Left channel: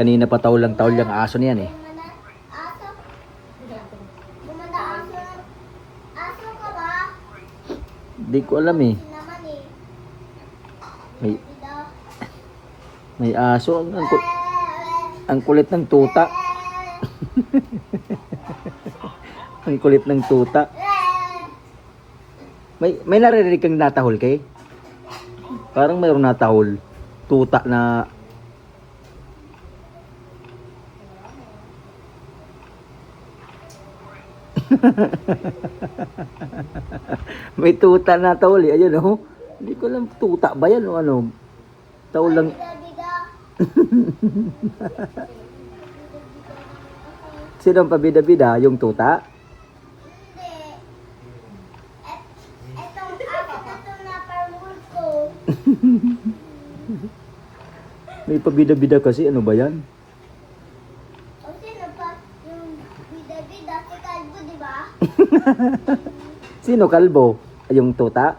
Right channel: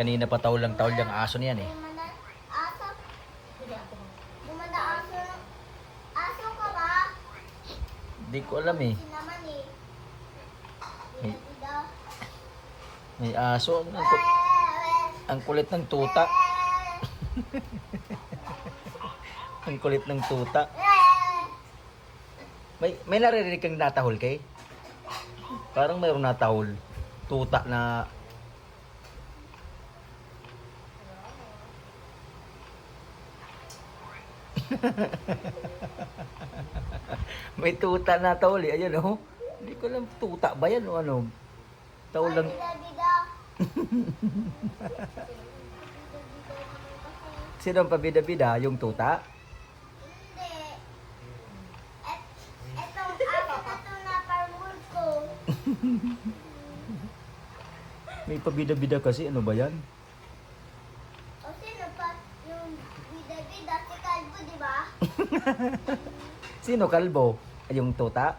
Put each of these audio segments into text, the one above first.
Kanina pa tawlang yung aso niyan eh. Aso? Gumanda aso? Aso ka ba? Di ko alam eh. Naman eh. May, Dito. may aso. Ang kulit ng tuta. Ang kulit ng tuta. May naririnig kang natahol kay? Parang mayroong natahol. Tuta na... May tuta na tahol eh. Ayun oh. Hindi ko alam tuta ba yan o ano. Tahol lang. Bida-bida. Sino ang pabida-bida? Yung tuta? Hindi. Etong aso na to na parmul ko. May pabida-bida kasi. Ano ba yan? O sino pa? Yung bida-bida si Kalbo, di ba? Sino kalbo? Ay, yung tuta?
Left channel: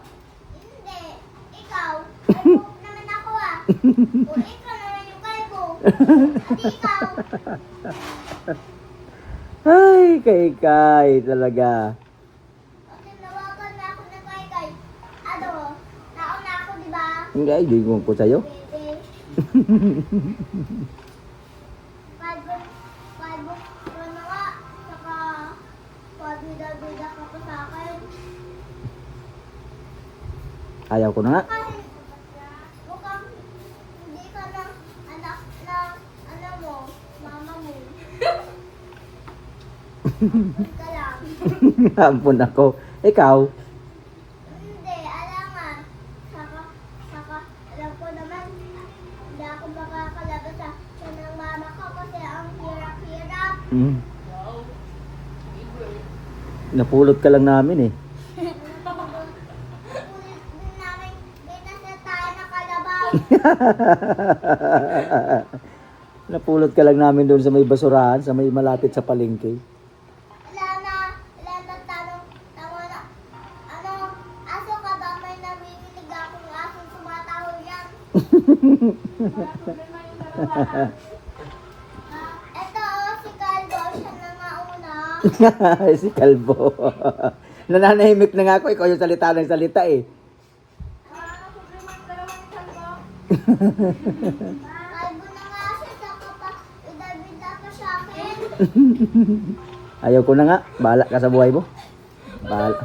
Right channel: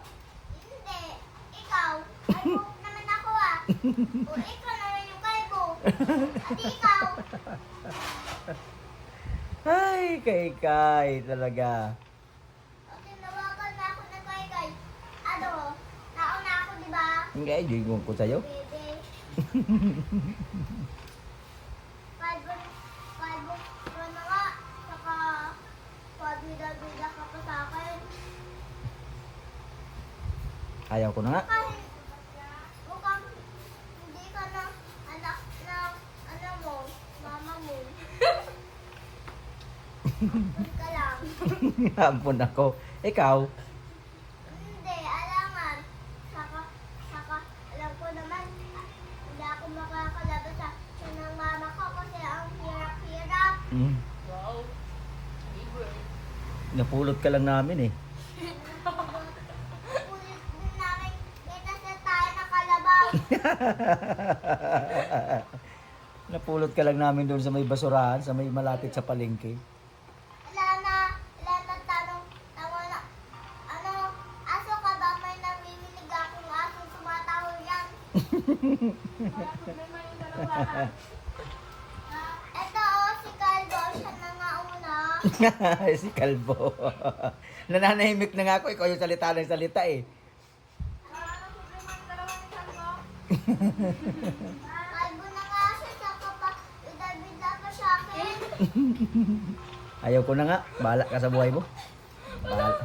Hindi. Ikaw. Kalbo naman ako ah. O ikaw naman yung kalbo. At ikaw. Ay, kay talaga. O tinawagan na ako ng kay. Ano? Tao na ako, di ba? Hindi ko po sa'yo. Bebe. Kalbo. Kalbo. Ano nga? Saka pabida-bida ka pa sa akin. Ayaw ko na nga. Kahit mukhang hindi ka na anak na ano mo, mama mo. Ampun ka lang. Ampun ako. Ikaw? Hindi, alangan. Saka, alam ko naman, hindi ako makakalabas sa ng mama ko kasi ang hirap-hirap. Mm. Napulot ka lang namin eh. Ulit din namin, dito sa tayo na kalabaw. Napulot ka lang namin doon sa may basurahan, sa may malapit sa palengke. Wala na tanong, tama na. Ano, aso ka ba? May namiminig akong asong tumatahol yan. Ito si Calvo, siya na mauna. Si Kalbo. Nananahimik na nga ako. Ikaw yung salita ng salita eh. Calvo na nga siya, saka pa, bida-bida pa sa akin. Ayaw ko na nga. Bahala ka sa buhay mo. Bahala.